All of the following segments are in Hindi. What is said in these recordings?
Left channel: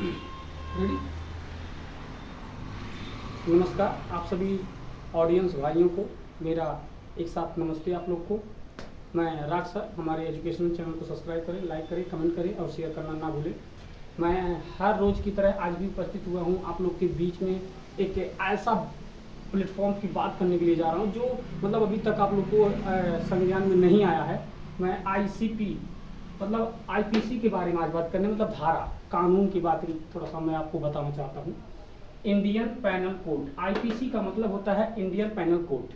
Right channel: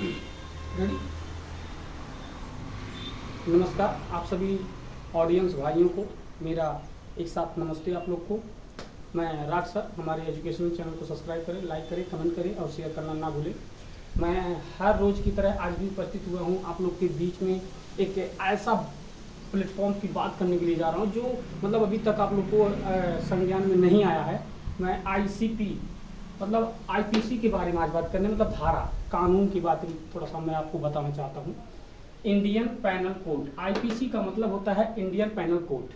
रेडी। नमस्कार आप सभी ऑडियंस भाइयों को, मेरा एक साथ नमस्ते आप लोग को। मैं राज सर, हमारे एजुकेशनल चैनल को सब्सक्राइब करें, लाइक करें, कमेंट करें और शेयर करना ना भूलें। मैं हर रोज़ की तरह आज भी उपस्थित हुआ हूँ आप लोग के बीच में एक ऐसा प्लेटफॉर्म की बात करने के लिए जा रहा हूँ जो मतलब अभी तक आप लोग को संज्ञान में नहीं आया है। मैं आईसीपी मतलब आईपीसी के बारे में आज बात करने, मतलब धारा कानून की बात थोड़ा सा मैं आपको बताना चाहता हूँ। इंडियन पैनल कोड, आईपीसी का मतलब होता है Indian panel code.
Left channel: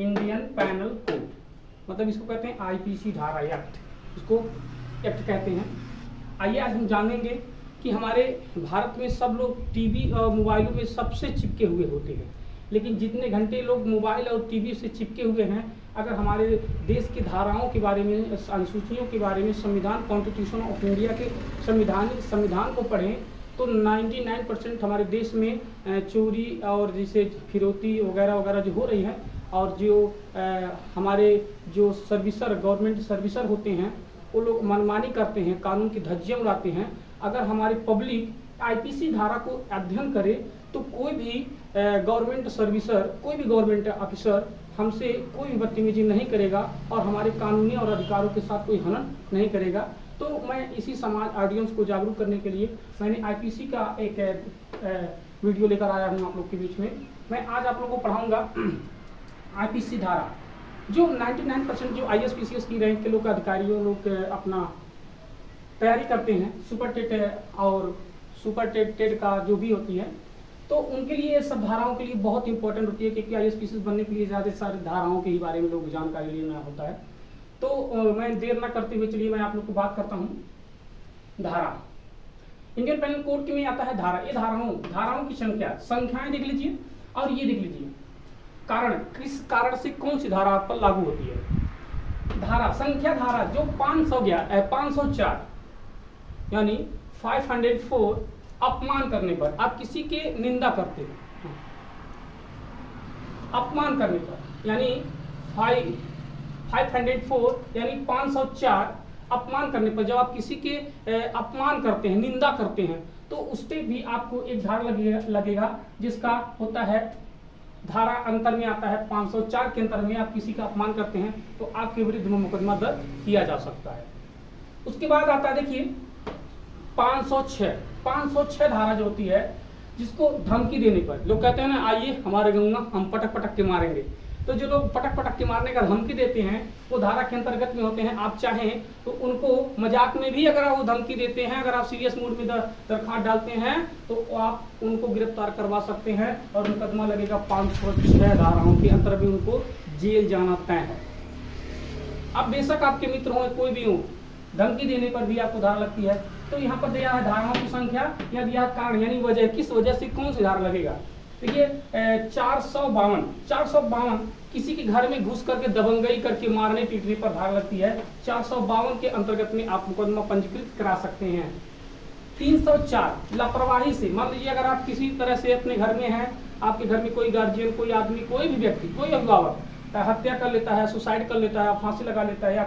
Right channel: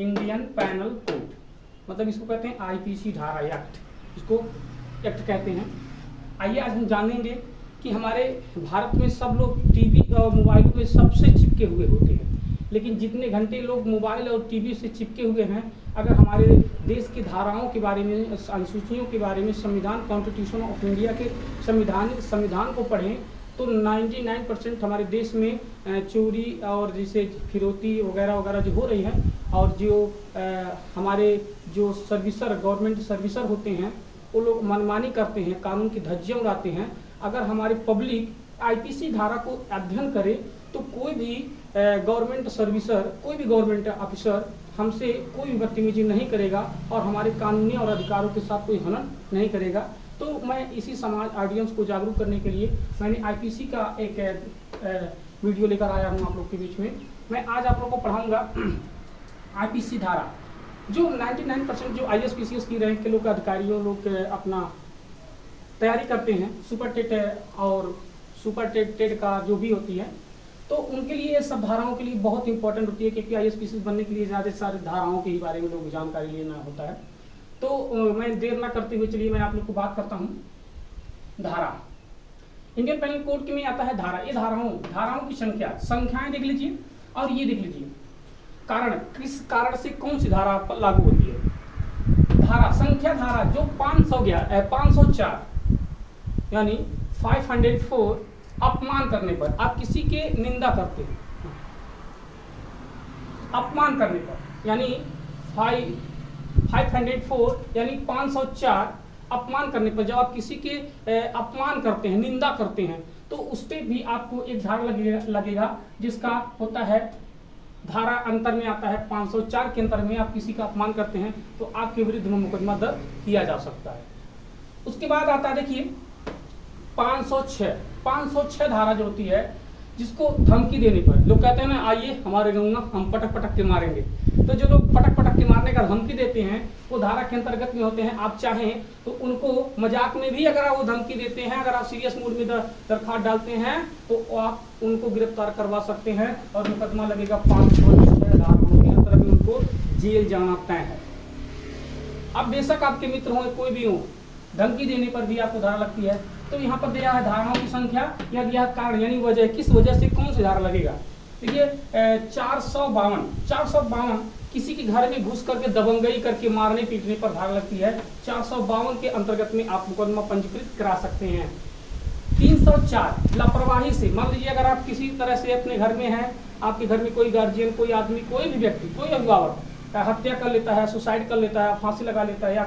Indian panel code मतलब इसको कहते हैं आईपीसी धारा एक्ट, इसको एक्ट कहते हैं। आइए आज हम जानेंगे कि हमारे भारत में सब लोग टीवी और मोबाइलों में सबसे चिपके हुए होते हैं, लेकिन जितने घंटे लोग मोबाइल और टीवी से चिपके हुए हैं, अगर हमारे देश की धाराओं के बारे में, अनुसूचियों के बारे में, संविधान कॉन्स्टिट्यूशन ऑफ इंडिया के संविधान को पढ़ें तो 99% हमारे देश में चोरी और जैसे फिरौती वगैरह वगैरह जो हो रही है, और जो हमारे जो गवर्नमेंट सर्विसर होते हैं वो लोग मनमानी करते हैं, कानून की धज्जियां उड़ाते हैं। अगर हमारी पब्लिक आईपीसी धारा को अध्ययन करे तो कोई भी गवर्नमेंट सर्विसर, कोई भी गवर्नमेंट ऑफिसर हमसे कोई भी बदतमीजी नहीं करेगा और हमारे कानूनी और अधिकारों के साथ कोई हनन नहीं करेगा। तो मैं इसी समाज ऑडियंस को जागरूक करने के लिए मैंने आईपीसी का एक वीडियो लेकर आया हूँ आप लोग के बीच में। मैं आज आप लोगों को पढ़ाऊंगा आईपीसी धारा, जो 99% जो आईएएस की रैंक के लोग अधिकारियों लोग अपना तैयारी करते हैं, सुपर टेट और सुपर टेट का जो भी होती है, तो उनके लिए सब धाराओं के लिए बहुत इंपॉर्टेंट होती है, क्योंकि आईएएस बनने के लिए ज़्यादा सारी धाराओं के ही बारे में लोग जानकारी लेना होता है। तो मैं देर ना करते हुए चलिए मैं आप लोग को बात करता हूँ। धारा इंडियन पैनल कोड के में आता है धारा। ये धाराओं की संख्याएं देख लीजिए और ये देख लीजिए कारण, किस कारण से कौन सी धारा पर लागू होती है। धारा जो 504 यानी 504 अपमान करने पर, आप किसी के निंदा करते हैं, अपमान करने पर, यानी 504 यानी 504 अपमान करने पर, जब आप किसी के अपमान करते हैं, निंदा करते हैं, तो उस पर भी आपको एक धारा लगेगा जिसका होता है धारा अंतर में आता है 504 के अंतर में आप किसी का अपमान करते हैं तो आपके विरुद्ध में मुकदमा दर्ज किया जा सकता है। उसके बाद आता है देखिए 506 धारा जो होती है, जिसको धमकी देने पर लोग कहते हैं ना, आइए हमारे गाँव में हम पटक के मारेंगे, तो जो लोग पटक के मारने का धमकी देते हैं वो धारा के अंतर्गत में होते हैं। आप चाहें तो उनको मजाक में भी अगर आप वो धमकी देते हैं, अगर आप सीरियस मूड में दरखास्त डालते हैं तो आप उनको गिरफ्तार करवा सकते हैं और मुकदमा लगेगा 506 धाराओं के अंतर्गत में, उनको जेल जाना तय है। अब बेशक आपके मित्र हो, कोई भी हो, धमकी देने पर भी आपको धारा लगती है। तो यहाँ पर दिया है धाराओं की संख्या या दिया कारण, यानी वजह, किस वजह से कौन सी धारा लगेगा। देखिए 452 किसी के घर में घुस करके दबंगई करके मारने पीटने पर धारा लगती है। 452 के अंतर्गत में आप मुकदमा पंजीकृत करा सकते हैं। 304 लापरवाही से, मान लीजिए अगर आप किसी तरह से अपने घर में हैं, आपके घर में कोई गार्जियन, कोई आदमी, कोई भी व्यक्ति, कोई अभिभावक हत्या कर लेता है, सुसाइड कर लेता है, फांसी लगा लेता है या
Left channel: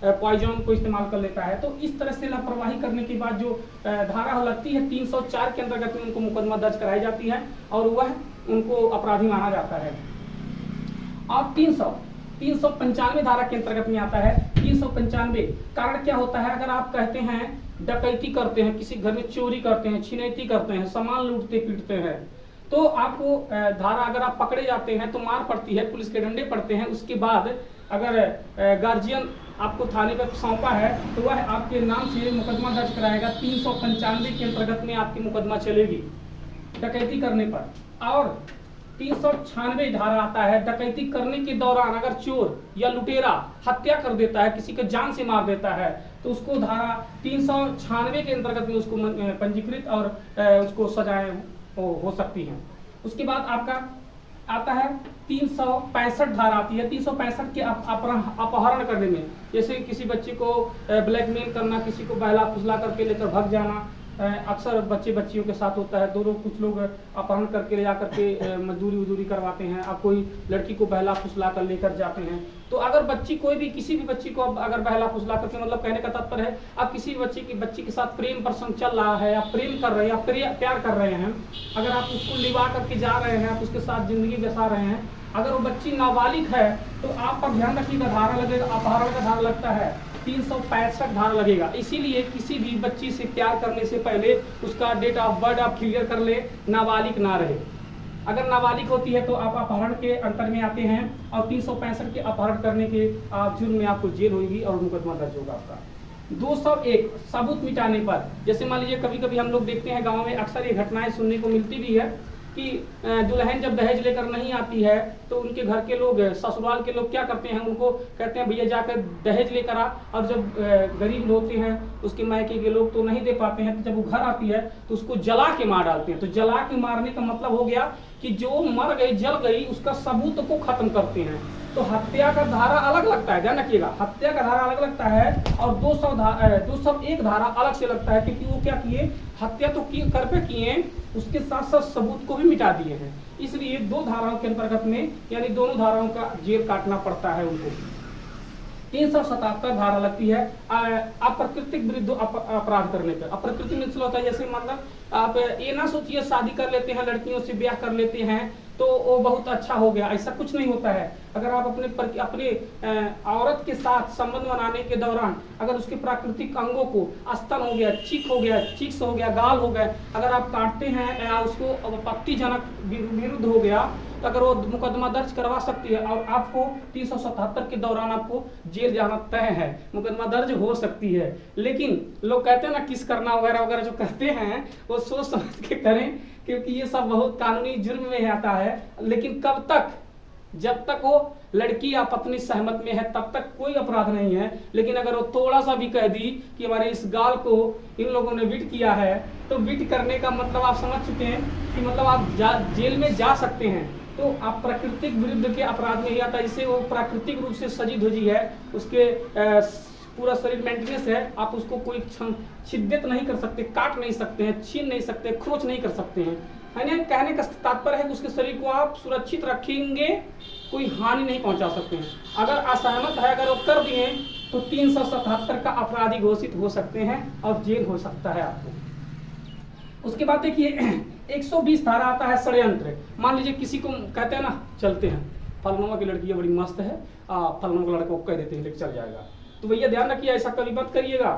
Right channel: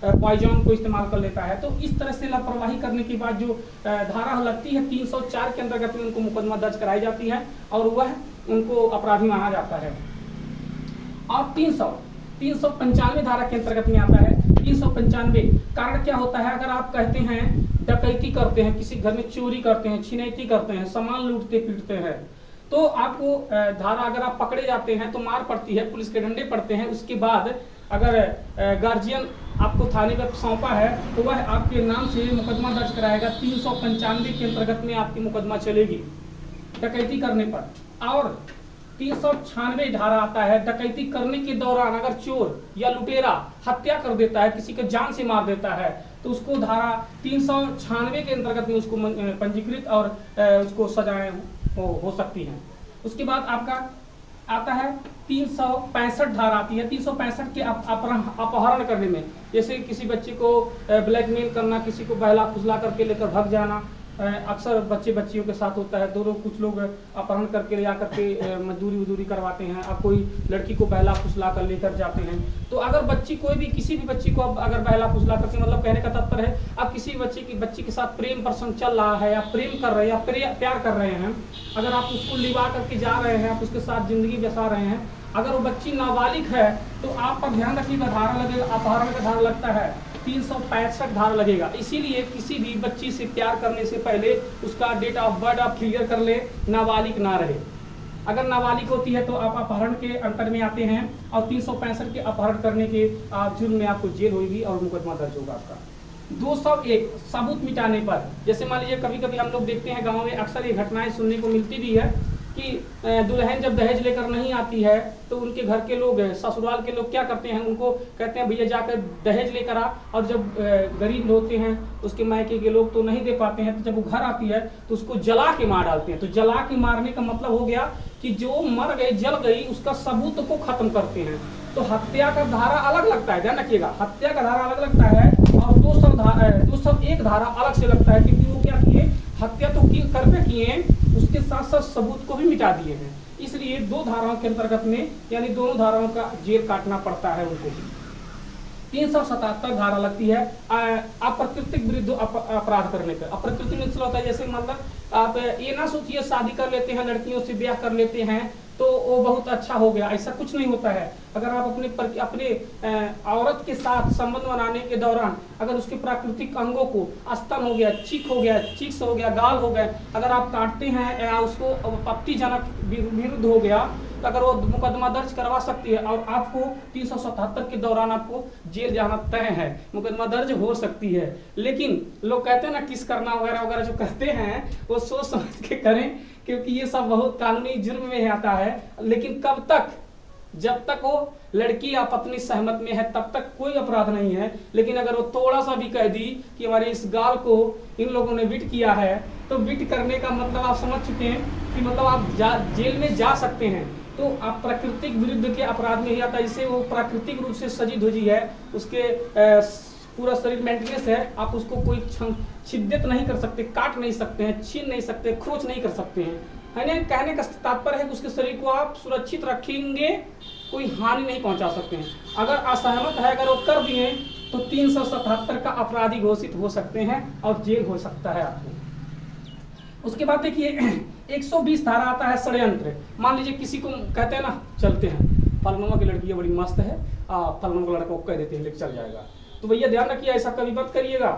पॉइजन को इस्तेमाल कर लेता है, तो इस तरह से लापरवाही करने के बाद जो धारा लगती है 304 के अंतर्गत में उनको मुकदमा दर्ज कराई जाती है और वह उनको अपराधी माना जाता है। और 395 धारा के अंतर्गत में आता है। 395 कारण क्या होता है, अगर आप कहते हैं डकैती करते हैं, किसी घर में चोरी करते हैं, छिनैती करते हैं, सामान लूटते पीटते हैं, तो आपको धारा, अगर आप पकड़े जाते हैं तो मार पड़ती है, पुलिस के डंडे पड़ते हैं। उसके बाद अगर गार्जियन आपको थाने पर सौंपा है तो वह आपके नाम से मुकदमा दर्ज कराएगा। 395 के अंतर्गत में आपकी मुकदमा चलेगी डकैती करने पर। और 396 धारा आता है, डकैती करने के दौरान अगर चोर या लुटेरा हत्या कर देता है, किसी को जान से मार देता है, तो उसको धारा 396 के अंतर्गत में उसको पंजीकृत और उसको सजाएं हो सकती हैं। उसके बाद आपका आता है 365 धारा आती है। 365 के अपहरण करने में, जैसे किसी बच्चे को ब्लैकमेल करना, किसी को बहला फुसला करके लेकर भाग जाना, अक्सर बच्चे बच्चियों के साथ होता है। दोनों कुछ लोग अपहरण करके ले जा करके मजदूरी करवाते हैं। अब कोई लड़की को बहला फुसला कर लेकर जाते हैं। तो अगर बच्ची कोई भी किसी भी बच्ची को अब अगर बहला फुसला करके, मतलब कहने का तात्पर्य है अब किसी बच्ची के साथ प्रेम प्रसंग चल रहा है, या प्रेम कर रहे हैं या प्यार कर रहे हैं, अगर आप उसको लिवा करके जा रहे हैं, आप उसके साथ जिंदगी बसा रहे हैं, अगर वो बच्ची नाबालिग है तो आप पर ध्यान रखिएगा, धारा लगेगा, अपहरण का धारा लगता है 365 धारा लगेगा। इसीलिए किसी भी बच्ची से प्यार करने से पहले उसका डेट ऑफ बर्थ आप क्लियर कर ले, नाबालिग ना रहे। अगर नाबालिग होती है तो आप अपहरण के अंतर में आते हैं, और 365 के अपहरण करने के जुर्म में आपको जेल होगी और मुकदमा दर्ज होगा आपका। 201 सबूत मिटाने पर, जैसे मान लीजिए कभी कभी हम लोग देखते हैं गाँव में अक्सर ये घटनाएं सुनने को मिलती भी है कि दुल्हन जब दहेज लेकर नहीं आती है तो उनके घर के लोग, ससुराल के लोग क्या करते हैं, उनको कहते हैं भैया जाकर दहेज लेकर आ, और जब गरीब होते हैं उसके मायके के लोग तो नहीं दे पाते हैं, तो जब वो घर आती है तो उसको जला के मार डालते हैं। तो जला के मारने का मतलब हो गया कि जो मर गई जल गई उसका सबूत को खत्म करते हैं। तो हत्या का धारा अलग लगता है, ध्यान रखिएगा, हत्या का धारा अलग लगता है, और 201 धारा अलग से लगता है, क्योंकि वो क्या किए, हत्या तो कर पे किए, उसके साथ साथ सबूत को भी मिटा दिए हैं। इसलिए 2 धाराओं के अंतर्गत में, यानी दोनों धाराओं का जेल काटना पड़ता है उनको। 377 धारा लगती है अप्राकृतिक विरुद्ध अपराध करने पर। अप्राकृतिक मतलब होता है, जैसे मतलब आप ये ना सोचिए शादी कर लेते हैं, लड़कियों से ब्याह कर लेते हैं तो वो बहुत अच्छा हो गया, ऐसा कुछ नहीं होता है। अगर आप अपने औरत के साथ संबंध बनाने के दौरान अगर उसके प्राकृतिक अंगों को, स्तन हो गया, चीख हो गया, चीक्स हो गया, गाल हो गए, अगर आप काटते हैं या उसको आपत्तिजनक विरुद्ध हो गया तो अगर वो मुकदमा दर्ज करवा सकती है, और आपको 377 के दौरान आपको जेल जाना तय है, मुकदमा दर्ज हो सकती है। लेकिन लोग कहते हैं ना किस करना वगैरह वगैरह जो कहते हैं वो सोच समझ के करें, क्योंकि ये सब बहुत कानूनी जुर्म में आता है। लेकिन कब तक, जब तक वो लड़की या पत्नी सहमत में है तब तक कोई अपराध नहीं है। लेकिन अगर वो थोड़ा सा भी कह दी कि हमारे इस गाल को इन लोगों ने विट किया है, तो विट करने का मतलब आप समझ चुके हैं कि मतलब आप जेल में जा सकते हैं। तो आप प्राकृतिक विरुद्ध के अपराध में ही आता है। इसे वो प्राकृतिक रूप से सजी धुजी है, उसके पूरा शरीर मेंटेनेंस है, आप उसको कोई शिद्दत नहीं कर सकते, काट नहीं सकते हैं, छीन नहीं सकते, खरोच नहीं कर सकते हैं। यानी कहने का तात्पर्य है कि उसके शरीर को आप सुरक्षित रखेंगे, कोई हानि नहीं पहुंचा सकते हैं। अगर असहमत है, अगर वो कर दिए तो 377 का अपराधी घोषित हो सकते हैं और जेल हो सकता है आपको। उसके बाद देखिए 120 धारा आता है षड्यंत्र। मान लीजिए किसी को कहते हैं ना, चलते हैं फलनुमा की लड़की बड़ी मस्त है, फलनुमा का लड़का को कह देते हैं लेके चल जाएगा, तो भैया ध्यान रखिए ऐसा कभी मत करिएगा।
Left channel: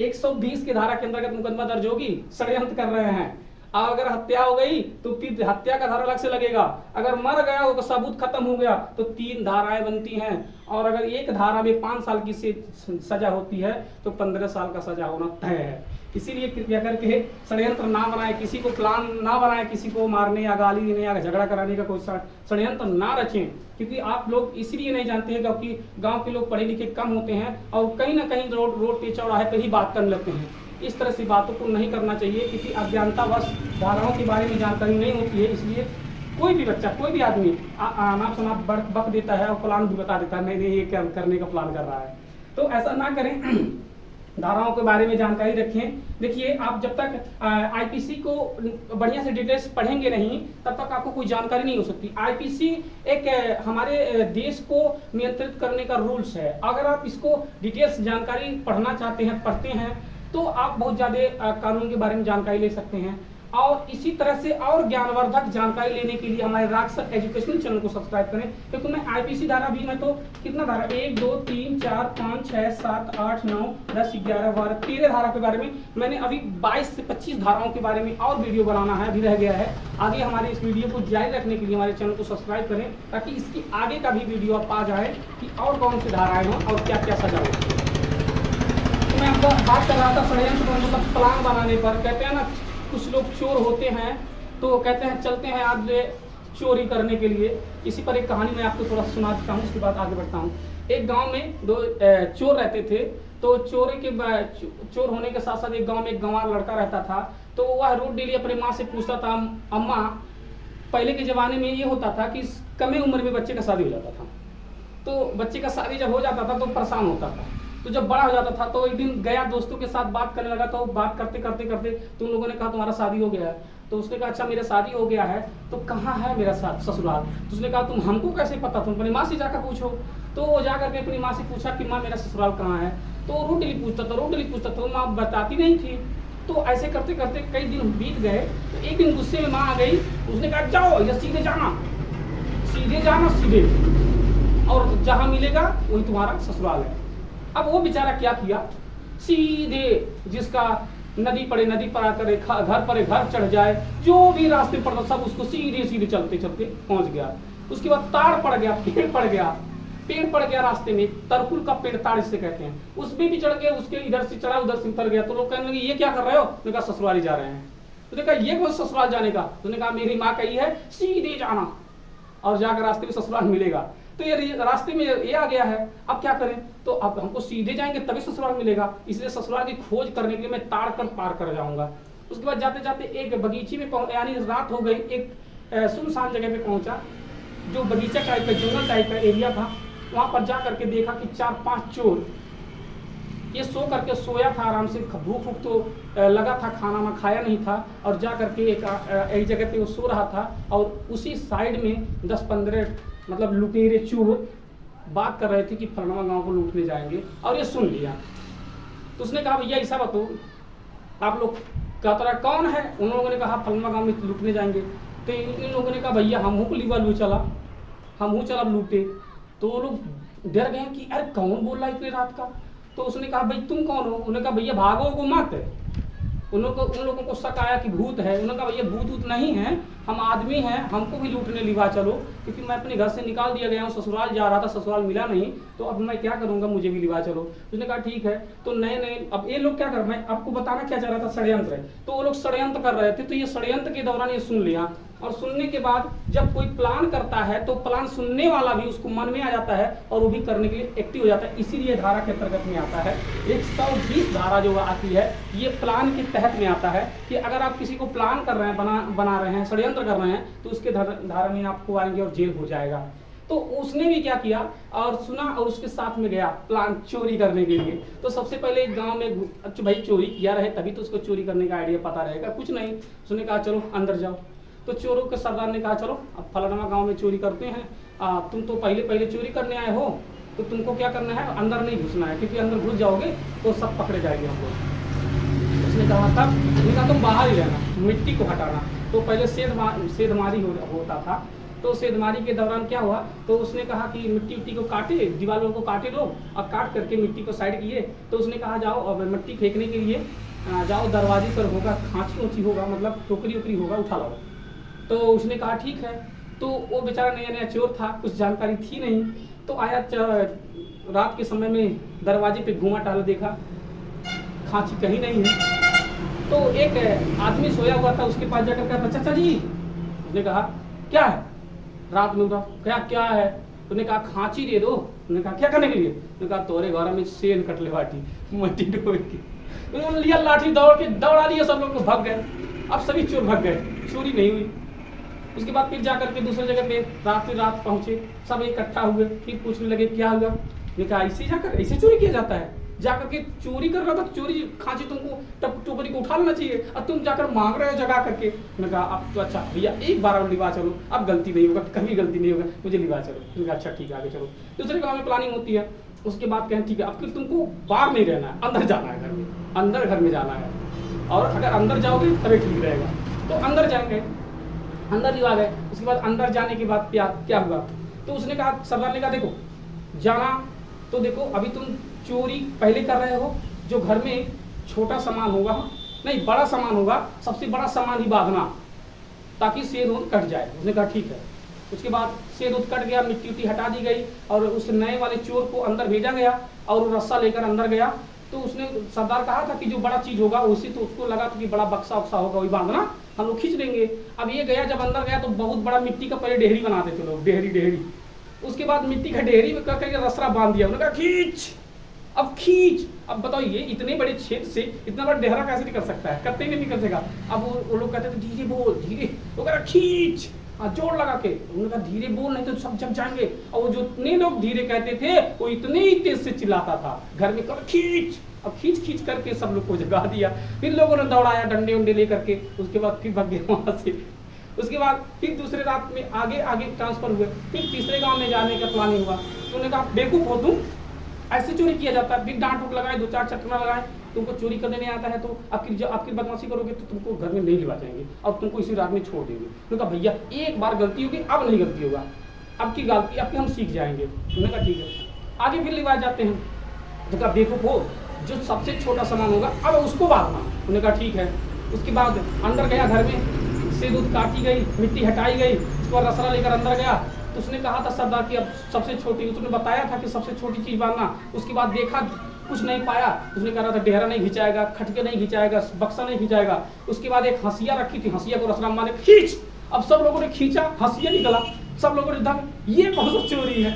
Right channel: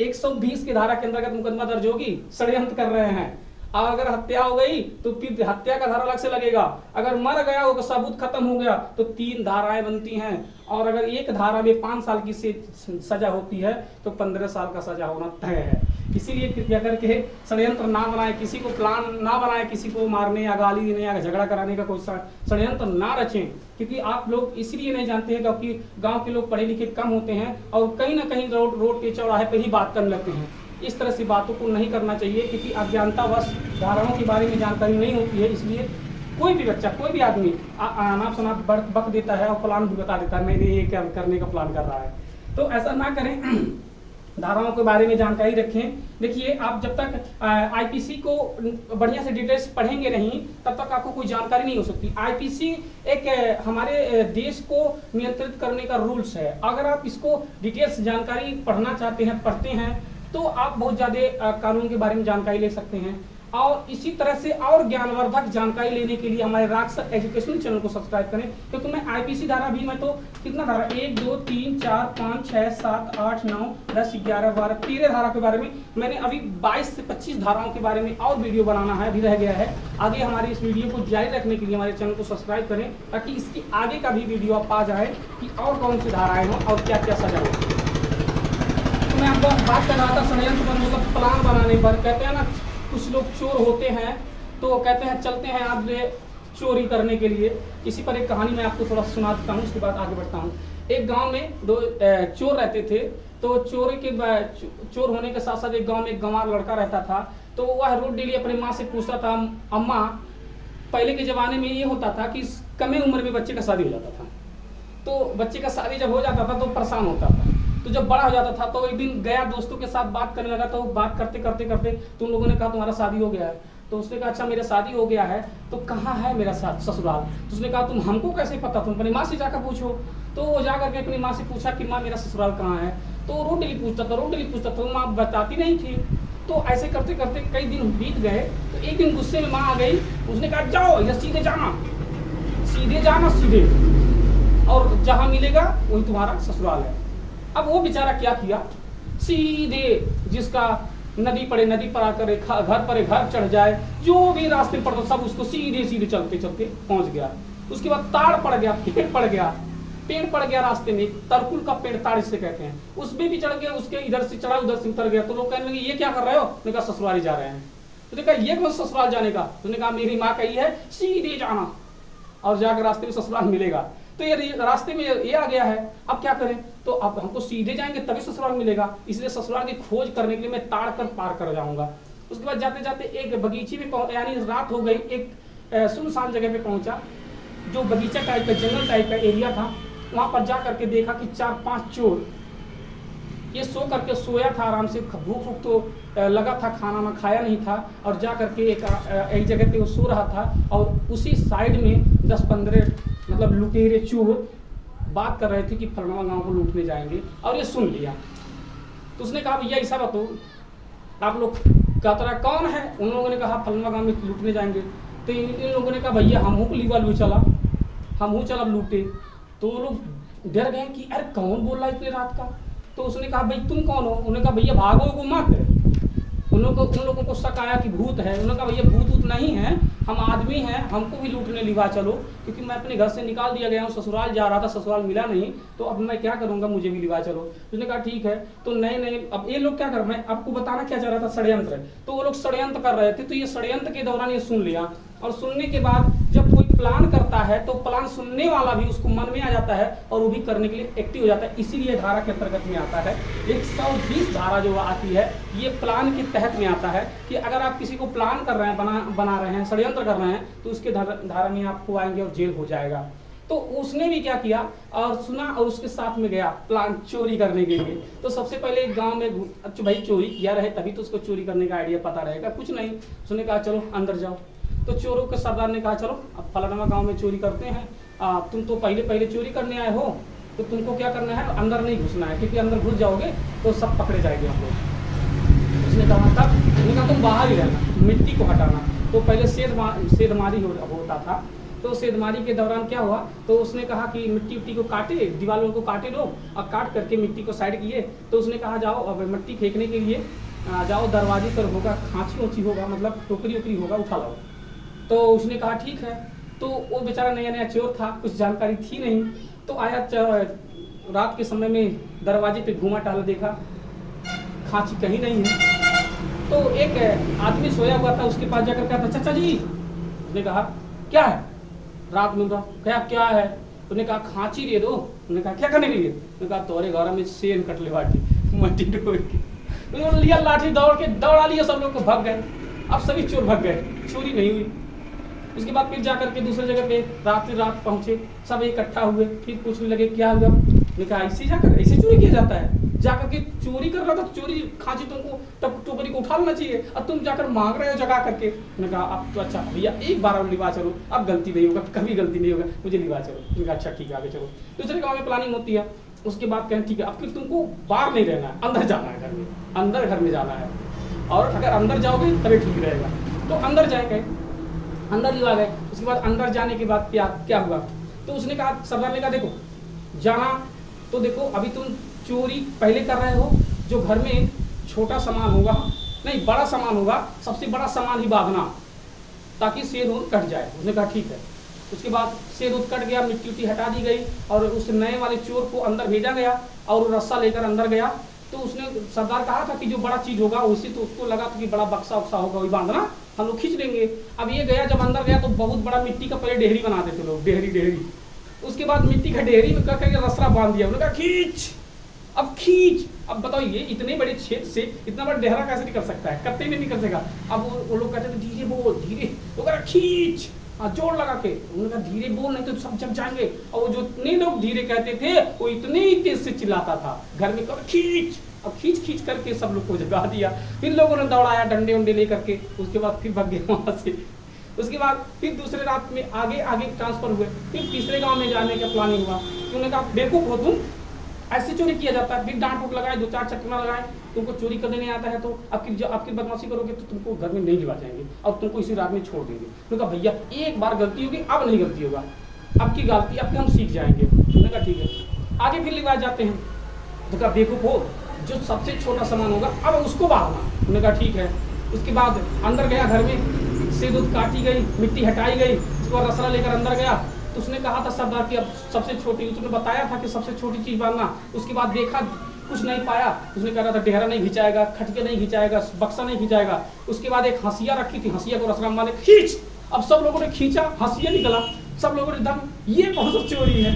120 की धारा के अंतर्गत मुकदमा दर्ज होगी, षड्यंत्र कर रहे हैं। अगर हत्या हो गई तो फिर हत्या का धारा अलग से लगेगा। अगर मर गया हो तो सबूत खत्म हो गया तो 3 धाराएं बनती हैं, और अगर एक धारा में 5 साल की सजा होती है तो 15 साल का सजा होना तय है। इसीलिए कृपया करके षड्यंत्र ना बनाए, किसी को प्लान ना बनाए, किसी को मारने या गाली देने या झगड़ा कराने का कोई षड्यंत्र ना रचें, क्योंकि आप लोग इसलिए नहीं जानते हैं क्योंकि गांव के लोग पढ़े लिखे कम होते हैं और कहीं ना कहीं रोड के चौराहे पर ही बात करने लगते हैं। इस तरह से बातों को नहीं करना चाहिए, क्योंकि अज्ञानतावश धाराओं के बारे में जानकारी नहीं होती है। इसलिए कोई भी बच्चा, कोई भी आदमी अनाप शनाप बक देता है और प्लान भी बता देता है, मैंने ये क्या करने का प्लान कर रहा है। तो ऐसा ना करें, धाराओं के बारे में जानकारी रखें। देखिए आप जब तक आईपीसी को बढ़िया से डिटेल्स पढ़ेंगे नहीं तब तक आपको कोई जानकारी नहीं हो सकती। आईपीसी एक हमारे देश को नियंत्रित करने का रूल्स है। अगर आप इसको डिटेल्स जानकारी पढ़ना चाहते हैं, पढ़ते हैं, तो आप बहुत ज़्यादा कानून के बारे में जानकारी ले सकते हैं। और इसी तरह से और ज्ञानवर्धक जानकारी लेने के लिए हमारे राक्सर एजुकेशनल चैनल को सब्सक्राइब करें, क्योंकि मैं आईपीसी धारा भी, मैं तो कितना धारा 1 2 3 4 5 6 7 8 9 10 11 12 13 धारा के बारे में मैंने अभी 22 से 25 धाराओं के बारे में और वीडियो बनाना है, अभी रह गया है। आगे हमारी इस वीडियो को जारी रखने के लिए हमारे चैनल को सब्सक्राइब करें, ताकि इसकी आगे का भी वीडियो आप पा जाए कि और कौन सी धाराएं हों और क्या क्या सजा हो। तो मैं आपको बात कर रहा था षड्यंत्र पर, मतलब प्लान बनाने पर। कहते हैं ना कुछ लोग चोर होते हैं तो कहते हैं चलते हैं आप चोरी करने के लिए। इसी पर एक कहानी मैं आपको थोड़ा सुना देता हूँ, उसके बाद आगे बढ़ता हूँ। एक गांव में 2 चोर रहते थे। तो चोर होने के साथ साथ एक गांव में एक गंवार लड़का रहता था। तो वह रोज डेली अपनी माँ से पूछता था, अम्मा, पहले के ज़माने में ये होता था कि कम उम्र में बच्चे का शादी हो जाता था। तो बच्चे का शादी जब हो जाता था तो परेशान होता था। तो जब बड़ा हो जाता था तो एक दिन गया दोस्तों के साथ बात करने लगा, तो बात करते करते करते तो उन लोगों ने कहा तुम्हारा शादी हो गया है। तो उसने कहा अच्छा मेरा शादी हो गया है, तो कहाँ है मेरा ससुराल। तो उसने कहा तुम हमको कैसे पता, तुम अपनी माँ से जाकर पूछो। तो वो जा करके अपनी माँ से पूछा कि माँ मेरा ससुराल कहाँ है। तो रोडली पूछता था, तो माँ बताती नहीं थी। तो ऐसे करते करते कई दिन बीत गए। तो एक दिन गुस्से में माँ आ गई, उसने कहा जाओ या सीधे जाना सीधे, और जहाँ मिलेगा वही तुम्हारा ससुराल है। अब वो बेचारा क्या किया, सीधे जिसका नदी पड़े नदी पर आकर घर पर घर चढ़ जाए, जो भी रास्ते पर सब उसको सीधे सीधे चलते चलते पहुंच गया। उसके बाद ताड़ पड़ गया, पेड़ पड़ गया रास्ते में, तरकुल का पेड़ ताड़ से कहते हैं, उसमें भी चढ़ गया, उसके इधर से चढ़ा उधर से उतर गया। तो लोग कहने लगे ये क्या कर रहे हो। उसने कहा ससुराल जा रहे हैं। उसने कहा ये कौन ससुराल जाने का। उसने कहा मेरी माँ कही है सीधे जाना और जाकर रास्ते में ससुराल मिलेगा। तो ये रास्ते में ये आ गया है, अब क्या करें। तो अब हमको सीधे जाएंगे तभी ससुराल मिलेगा, इसलिए ससुराल की खोज करने के लिए मैं ताड़ कर पार कर जाऊंगा। उसके बाद जाते जाते एक बगीचे में यानी रात हो गई, एक सुनसान जगह पे पहुंचा, जो बगीचा टाइप का जंगल टाइप का एरिया था। वहां पर जा करके देखा कि 4-5 चोर ये सो करके सोया था आराम से, भूख भूख तो लगा था, खाना ना खाया नहीं था, और जा करके एक जगह पे वो सो रहा था। और उसी साइड में 10-15 मतलब लुटेरे चोर बात कर रहे थे कि फलनवा गांव को लूटने जाएंगे, और ये सुन लिया। तो उसने कहा भैया ऐसा बताओ आप लोग क्या तरह कौन है। उन लोगों ने कहा फलनवा गांव में लूटने जाएंगे। तो इन लोगों ने कहा भैया हम चला लूटे। तो वो लोग डर गए कि अरे कौन बोल रहा है इतनी रात का। तो उसने कहा भाई तुम कौन हो। उन्होंने कहा भैया भागो को मत। उन लोगों को शक आया कि भूत है। उन्होंने कहा भैया भूत नहीं है, हम आदमी हैं, हमको भी लूटने लिवा चलो, क्योंकि मैं अपने घर से निकाल दिया गया हूँ, ससुराल जा रहा था, ससुराल मिला नहीं, तो अब मैं क्या करूंगा, मुझे भी लिवा चलो। उसने कहा ठीक है। तो नए अब ये लोग क्या कर, मैं आपको बताना क्या चाह रहा था, षड्यंत्र है। तो वो लोग षड्यंत्र कर रहे थे। तो ये षड्यंत्र के दौरान ये सुन लिया, और सुनने के बाद जब कोई प्लान करता है तो प्लान सुनने वाला भी उसको मन में आ जाता है और वो भी करने के लिए एक्टिव हो जाता है। इसीलिए धारा के अंतर्गत में आता है 120 धारा जो आती है, ये प्लान के तहत में आता है कि अगर आप किसी को प्लान कर रहे हैं, बना रहे हैं, षड्यंत्र कर रहे हैं, तो उसके धारा में आपको आएंगे और जेल हो जाएगा। तो उसने भी क्या किया और सुना और उसके साथ में गया प्लान चोरी करने के लिए। तो सबसे पहले गांव में अच्छा भाई चोरी किया रहे तभी तो उसको चोरी करने का आइडिया पता रहेगा, कुछ नहीं। उसने कहा चलो अंदर जाओ। तो चोरों के सरदार ने कहा चलो अब फलाना गांव में चोरी करते हैं, तुम तो पहले चोरी करने आए हो, तो तुमको क्या करना है, अंदर नहीं घुसना है, क्योंकि अंदर घुस जाओगे तो सब पकड़े जाएंगे हम लोग। उसने कहा तब तुम बाहर ही रहना, मिट्टी को हटाना। तो पहले सेधमारी होता था। तो सेधमारी के दौरान क्या हुआ, तो उसने कहा कि मिट्टी को काटे, दीवारों को काटे लोग, और काट करके मिट्टी को साइड किए। तो उसने कहा जाओ अब मिट्टी फेंकने के लिए जाओ, दरवाजे पर होगा खांची ऊँची होगा, मतलब टोकरी ओकरी होगा, उठा लो। तो उसने कहा ठीक है। तो वो बेचारा नया चोर था, कुछ जानकारी थी नहीं। तो आया रात के समय में दरवाजे पे घूमा टहल, देखा खांची कहीं नहीं है। तो एक आदमी सोया हुआ था, उसके पास जाकर कहा चाचा जी। उसने कहा क्या है, रात में क्या है। उसने कहा खांची दे दो। उसने कहा क्या करने के लिए। उसने कहा तोरे घर में सेन कटले बाटी मट्टी डोल के लिया, लाठी दौड़ा लिया, सब लोग को भाग गए। अब सभी चोर भाग गए, चोरी नहीं हुई। उसके बाद फिर जाकर के दूसरे जगह पे रात पहुंचे, सब इकट्ठा हुए, फिर पूछने लगे क्या हुआ। मैंने कहा ऐसे चोरी किया जाता है। जाकर के चोरी कर रहा था, चोरी खांची तुमको तब टोकरी को उठा लेना चाहिए, और तुम जाकर मांग रहे हो जगा करके। मैंने कहा अब तो अच्छा भैया एक बार लिवा चलो, अब गलती नहीं होगा, कभी गलती नहीं होगा, मुझे लिवा चलो। मैंने कहा अच्छा ठीक है आगे चलो। दूसरे गाँव में प्लानिंग होती है। उसके बाद कहें ठीक है अब फिर तुमको बाहर नहीं रहना है, अंदर जाना है, घर में जाना है, और अगर अंदर जाओगे तभी ठीक रहेगा। तो अंदर जाएंगे, अंदर जो आ गए। उसके बाद अंदर जाने के बाद क्या हुआ, तो उसने कहा, सरदार ने कहा देखो जाना तो देखो अभी तुम चोरी पहले कर रहे हो, जो घर में छोटा सामान होगा, नहीं बड़ा सामान होगा, सबसे बड़ा सामान ही बांधना ताकि सेर कट जाए। उसने कहा ठीक है। उसके बाद सेर कट गया, मिट्टी हटा दी गई, और उस नए वाले चोर को अंदर भेजा गया, और वो रस्सा लेकर अंदर गया। तो उसने सरदार कहा था कि जो बड़ा चीज होगा उसी, तो उसको लगा था कि बड़ा बक्सा वक्सा होगा, वही बांधना, हम लोग खींच लेंगे। अब ये गया, जब अंदर गया तो बहुत बड़ा मिट्टी का पहले डेहरी बनाते थे लोग, डेहरी। उसके बाद मिट्टी का डेहरी में करके रसरा बांध दिया। उन्होंने कहा खींच। अब बताओ ये इतने बड़े क्षेत्र से इतना बड़ा डेहरा कैसे निकल सकता है, कत्ते में निकल सकेगा। अब वो लोग कहते थे धीरे बोल, धीरे। वो कह रहा खींच। हाँ, जोर लगा के। उन्होंने कहा धीरे बोल नहीं तो सब जग जाएंगे। और वो जो इतने लोग धीरे कहते थे वो इतने ही तेज से चिल्लाता था, घर में कब खींच। अब खींच खींच करके सब लोग को जगा दिया। फिर लोगों ने दौड़ाया डंडे उंडे लेकर के, उसके बाद फिर भाग गया वहां से। उसके बाद फिर दूसरे रात में आगे आगे ट्रांसफर हुए, फिर तीसरे गांव में जाने का प्लानिंग हुआ। तो उन्होंने कहा बेवकूफ हो तुम, ऐसे चोरी किया जाता है। फिर डांट उट लगाए, 2-4 चटना लगाए, तुमको चोरी करने नहीं आता है तो आपकी बदमाशी करोगे तो तुमको घर में नहीं लिवा जाएंगे और तुमको इसी रात में छोड़ देंगे। तो कहा भैया एक बार गलती होगी, अब नहीं गलती होगा, अब की गलती अब हम सीख जाएंगे। उन्होंने कहा ठीक है। आगे फिर लिवाए जाते हैं। तो कहा बेवकूफ हो, जो सबसे छोटा सामान होगा अब उसको बांधना। उन्होंने कहा ठीक है। उसके बाद अंदर गया, घर में से दूध काटी गई, मिट्टी हटाई गई, उसके बाद रसरा लेकर अंदर गया। तो उसने कहा था सरदार कि अब सबसे छोटी, उसने बताया था कि सबसे छोटी चीज बांधना। उसके बाद देखा कुछ नहीं पाया, उसने कहा था डेहरा नहीं खिंचाएगा, खटके नहीं खिंचाएगा, बक्सा नहीं खिंचाएगा। उसके बाद एक हंसिया रखी थी, हंसिया को रसराम माने खींच। अब सब लोगों ने खींचा, हंसिया निकला। सब लोगों ने दम, ये कौन सा चोरी है।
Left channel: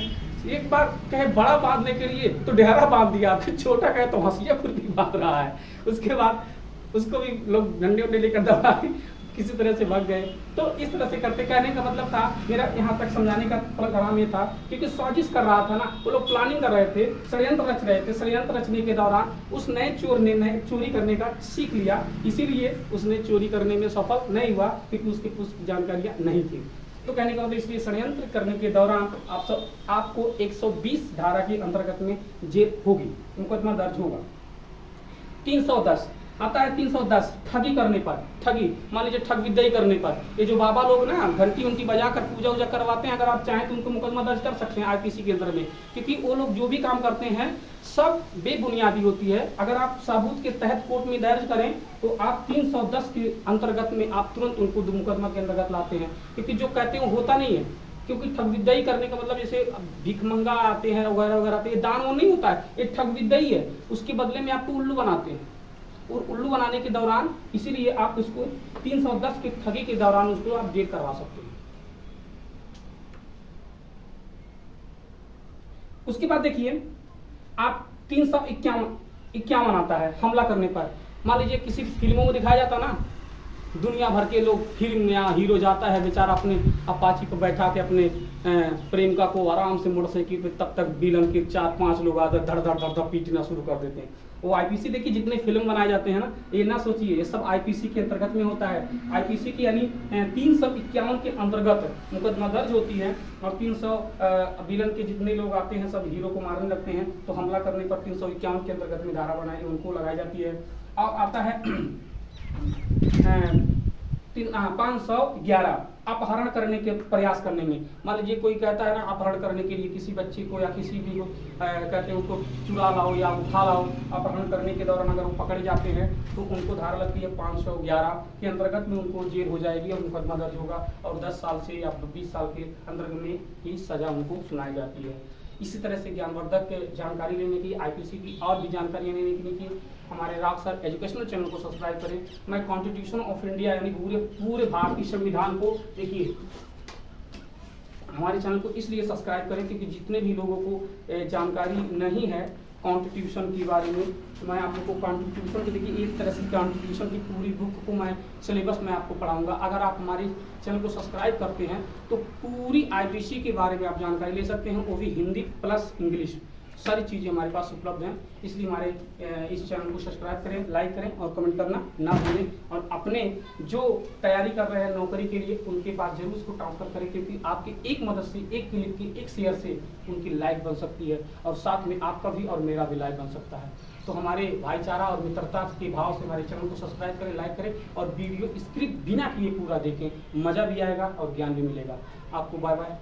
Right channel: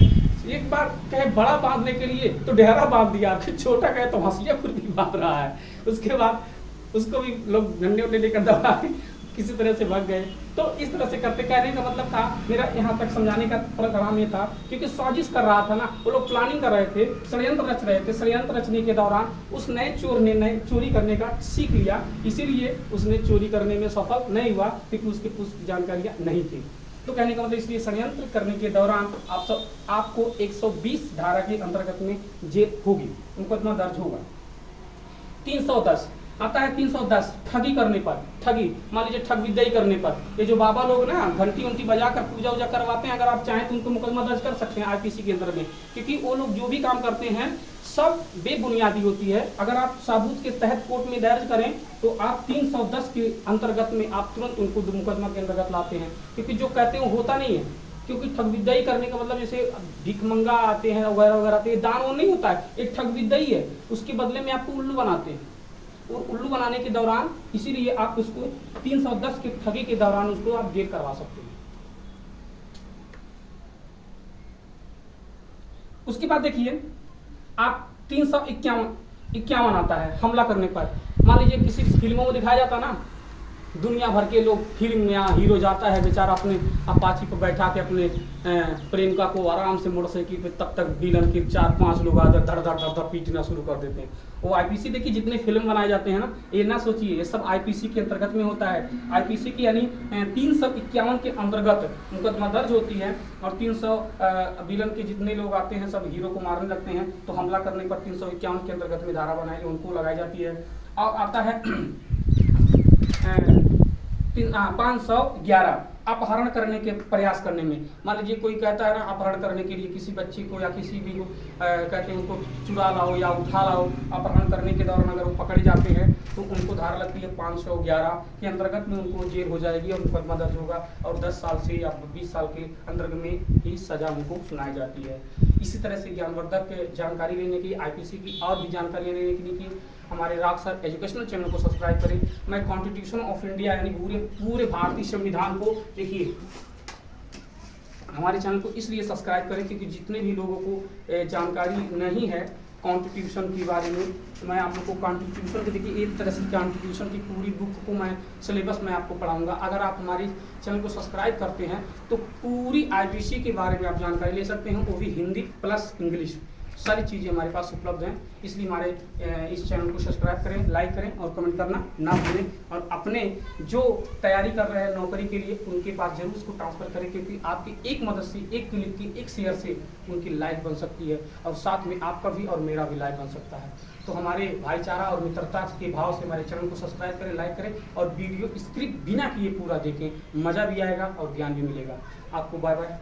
एक बार कहे बड़ा बांधने के लिए तो डेहरा बांध दिया, फिर छोटा कहे तो हंसिया खुद भी बांध रहा है। उसके बाद उसको भी लोग डंडे उंडे लेकर दबाए, किसी तरह से भाग गए। तो इस तरह से करते, कहने का मतलब था मेरा यहाँ तक समझाने का प्रोग्राम ये था क्योंकि साजिश कर रहा था ना, वो लोग प्लानिंग कर रहे थे, षड्यंत्र रच रहे थे। षड्यंत्र रचने के दौरान उस नए चोर ने नए चोरी करने का सीख लिया, इसीलिए उसने चोरी करने में सफल नहीं हुआ क्योंकि उसके पुष्ट जानकारियां नहीं थी। तो कहने का मतलब इसलिए षड्यंत्र करने के दौरान आपको 120 धारा के अंतर्गत में जेल होगी, मुकदमा दर्ज होगा। 310 आता है, 310 ठगी करने पर, ठगी मान लीजिए ठग विद्या करने पर, ये जो बाबा लोग ना घंटी उंटी बजाकर पूजा वूजा करवाते हैं, अगर आप चाहें तो उनको मुकदमा दर्ज कर सकते हैं आईपीसी के अंदर में, क्योंकि वो लोग जो भी काम करते हैं सब बेबुनियादी होती है। अगर आप साबूत के तहत कोर्ट में दर्ज करें तो आप 310 के अंतर्गत में आप तुरंत उनको मुकदमा के अंतर्गत लाते हैं, क्योंकि जो कहते हैं होता नहीं है। क्योंकि ठग विद्या करने का मतलब जैसे भिखमंगा आते हैं वगैरह वगैरह आते हैं, दान वो नहीं होता है, एक ठग विद्या ही है। उसके बदले में आपको उल्लू बनाते हैं, और उल्लू बनाने के दौरान इसीलिए आप उसको 310 के ठगी के दौरान उसको आप जेल करवा सकते हैं। उसके बाद देखिए आप 351 आता है हमला करने पर। मान लीजिए किसी फिल्मों में दिखाया जाता ना, दुनिया भर के लोग फिल्म में हीरो जाता है बेचारा अपने अपाची पर बैठा के अपने प्रेमिका को आराम से मोटरसाइकिल पे, तब तक विलन के 4-5 लोग आकर धड़ धड़ धड़ पीटना शुरू कर देते हैं। वो आईपीसी देखिए जितने फिल्म बनाए जाते हैं ना, ये ना सोचिए ये सब आईपीसी के अंतर्गत में होता है। आईपीसी की यानी 351 के अंतर्गत मुकदमा दर्ज होती है, और 300 विलन के जितने लोग आते हैं सब हीरो को मारने लगते हैं, तो हमला करने पर 351 के अंतर्गत में धारा बनाई उनको लगाई जाती है। और आता है 511 अपहरण करने के प्रयास करने में। मान लीजिए कोई कहता है ना अपहरण करने के लिए किसी बच्चे को या किसी भी को कहते हैं उनको चुरा लाओ या उठा लाओ, अपहरण करने के दौरान अगर वो पकड़े जाते हैं तो उनको धारा लगती है 511 के अंतर्गत में उनको जेल हो जाएगी और मुकदमा दर्ज होगा, और 10 साल से या 20 साल के अंतर्गत में ही सजा उनको सुनाई जाती है। इसी तरह से ज्ञानवर्धक जानकारी लेने की, आईपीसी की और भी जानकारियाँ लेने के लिए हमारे राग सर एजुकेशनल चैनल को सब्सक्राइब करें। मैं कॉन्स्टिट्यूशन ऑफ इंडिया यानी पूरे भारतीय संविधान को देखिए, हमारे चैनल को इसलिए सब्सक्राइब करें क्योंकि जितने भी लोगों को जानकारी नहीं है कॉन्स्टिट्यूशन के बारे में, तो मैं आप लोग को कॉन्स्टिट्यूशन की देखिए एक तरह से कॉन्स्टिट्यूशन की पूरी बुक को मैं सिलेबस में आपको पढ़ाऊंगा। अगर आप हमारे चैनल को सब्सक्राइब करते हैं तो पूरी आईपीसी के बारे में आप जानकारी ले सकते हैं, वो भी हिंदी प्लस इंग्लिश, सारी चीज़ें हमारे पास उपलब्ध हैं। इसलिए हमारे इस चैनल को सब्सक्राइब करें, लाइक करें और कमेंट करना ना भूलें, और अपने जो तैयारी कर रहे हैं नौकरी के लिए उनके पास जरूर उसको ट्रांसफर करें, क्योंकि आपकी एक मदद से, एक क्लिक की, एक शेयर से उनकी लाइफ बन सकती है, और साथ में आपका भी और मेरा भी लाइफ बन सकता है। तो हमारे भाईचारा और मित्रता के भाव से हमारे चैनल को सब्सक्राइब करें, लाइक करें, और वीडियो स्क्रिप्ट बिना किए पूरा देखें, मज़ा भी आएगा और ज्ञान भी मिलेगा आपको। Bye bye.